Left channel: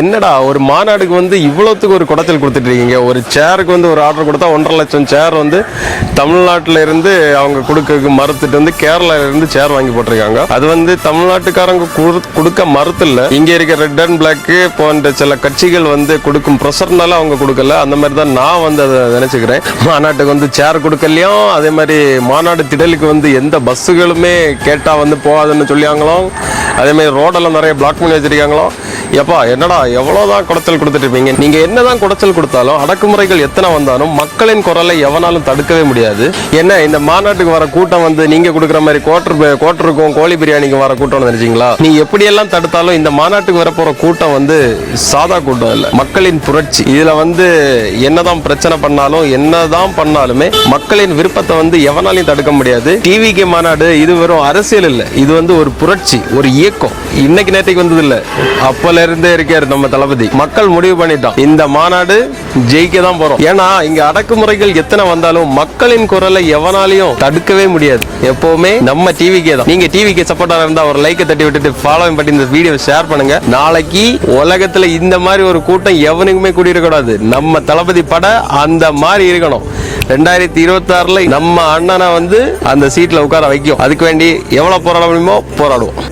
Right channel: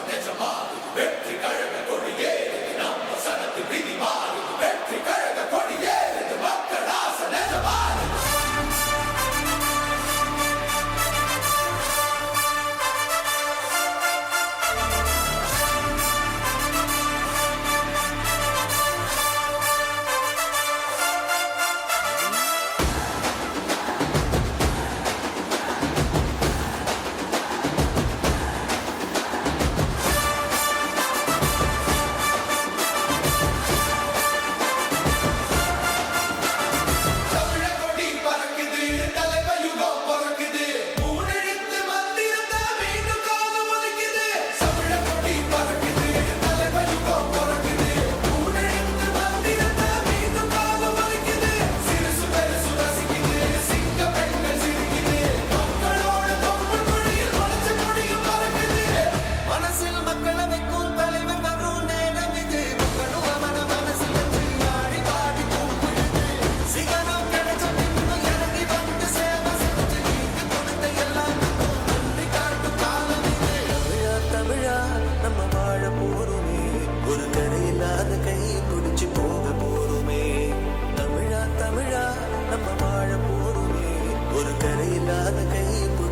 என்னடா ஒரு மாநாடுக்கு வந்து இவ்வளோத்துக்கு ஒரு குடைச்சல் கொடுத்துட்டு இருக்கீங்க. ஒரு சேருக்கு வந்து ஒரு ஆர்டர் கொடுத்தா 1,50,000 சேர் வந்து தமிழ்நாட்டில் இருந்து அவங்க கொடுக்க மறுத்துட்டு வந்து கேரளால இருந்து சேர் வாங்கி போட்டிருக்காங்க. அது வந்து தமிழ்நாட்டுக்காரங்க கொடுக்க மறுத்து இல்லை, இங்கே இருக்க ரெட் அண்ட் பிளாக் போன்ற சில கட்சிகள் வந்து கொடுக்கும் ப்ரெஷர்னால அவங்க கொடுக்கல. அந்த மாதிரி தான் நான் வந்து அதை நினைச்சுக்கிறேன். மாநாட்டுக்கு வந்து சேர் கொடுக்கலையும், அதே மாதிரி மாநாடு திடலுக்கு வந்து எந்த பஸ்ஸுகளுமே கேட்டால் வந்து போகாதுன்னு சொல்லியாங்களோ, அதே மாதிரி ரோடெல்லாம் நிறைய பிளாக் பண்ணி வச்சிருக்காங்களோ. எப்பா என்னடா எவ்வளோதான் குடைச்சல் கொடுத்துட்டு இருப்பீங்க. நீங்க என்னதான் குடைச்சல் கொடுத்தாலும் அடக்குமுறைகள் எத்தனை வந்தாலும் மக்களின் குரலை எவனாலும் தடுக்கவே முடியாது. என்ன இந்த மாநாட்டுக்கு வர கூட்டம் வந்து நீங்க கொடுக்குற மாதிரி கோட்டருக்கும் கோழி பிரியாணிக்கு வர கூட்டம் நினைச்சீங்களா? நீ எப்படியெல்லாம் தடுத்தாலும் இந்த மாநாட்டுக்கு வர போற கூட்டம் வந்து சாதா கூட்டம் இல்லை, மக்களின் புரட்சி. இதுல வந்து என்னதான் பிரச்சனை பண்ணாலும் என்னதான் பண்ணாலுமே மக்களின் விருப்பத்தை வந்து எவனாலையும் தடுக்க முடியாது. டிவிக்கு மாநாடு இது வெறும் அரசியல் இல்லை, இது வந்து ஒரு புரட்சி, ஒரு இயக்கம். இன்னைக்கு நேற்றுக்கு வந்தது இல்லை, அப்பல இருந்தே இருக்காரு நம்ம தளபதி. மக்கள் முடிவு பண்ணிட்டோம், இந்த மாநாடு ஜெயிக்க தான் போறோம். ஏன்னா இங்க அடக்குமுறைகள் எத்தனை வந்தாலும் மக்களின் குரலை எவனாலையும் தடுக்கவே முடியாது. எப்பவுமே நம்ம டிவிக்கே தான். நீங்க டிவிக்கு சப்போர்ட்டா இருந்தா ஒரு லைக்கை தட்டி விட்டுட்டு ஃபாலோவிங் பண்ணி இந்த வீடியோ ஷேர் பண்ணுங்க. நாளைக்கு உலகத்துல இந்த மாதிரி ஒரு கூட்டம் எவனுக்குமே கூடியிருக்கூடாது. நம்ம தளபதி பட அந்த மாதிரி இருக்கணும். 2026 நம்ம அண்ணனை வந்து அந்த சீட்ல உட்கார வைக்கும். அதுக்கு வேண்டி எவ்வளவு போராட முடியுமோ போராடுவோம்.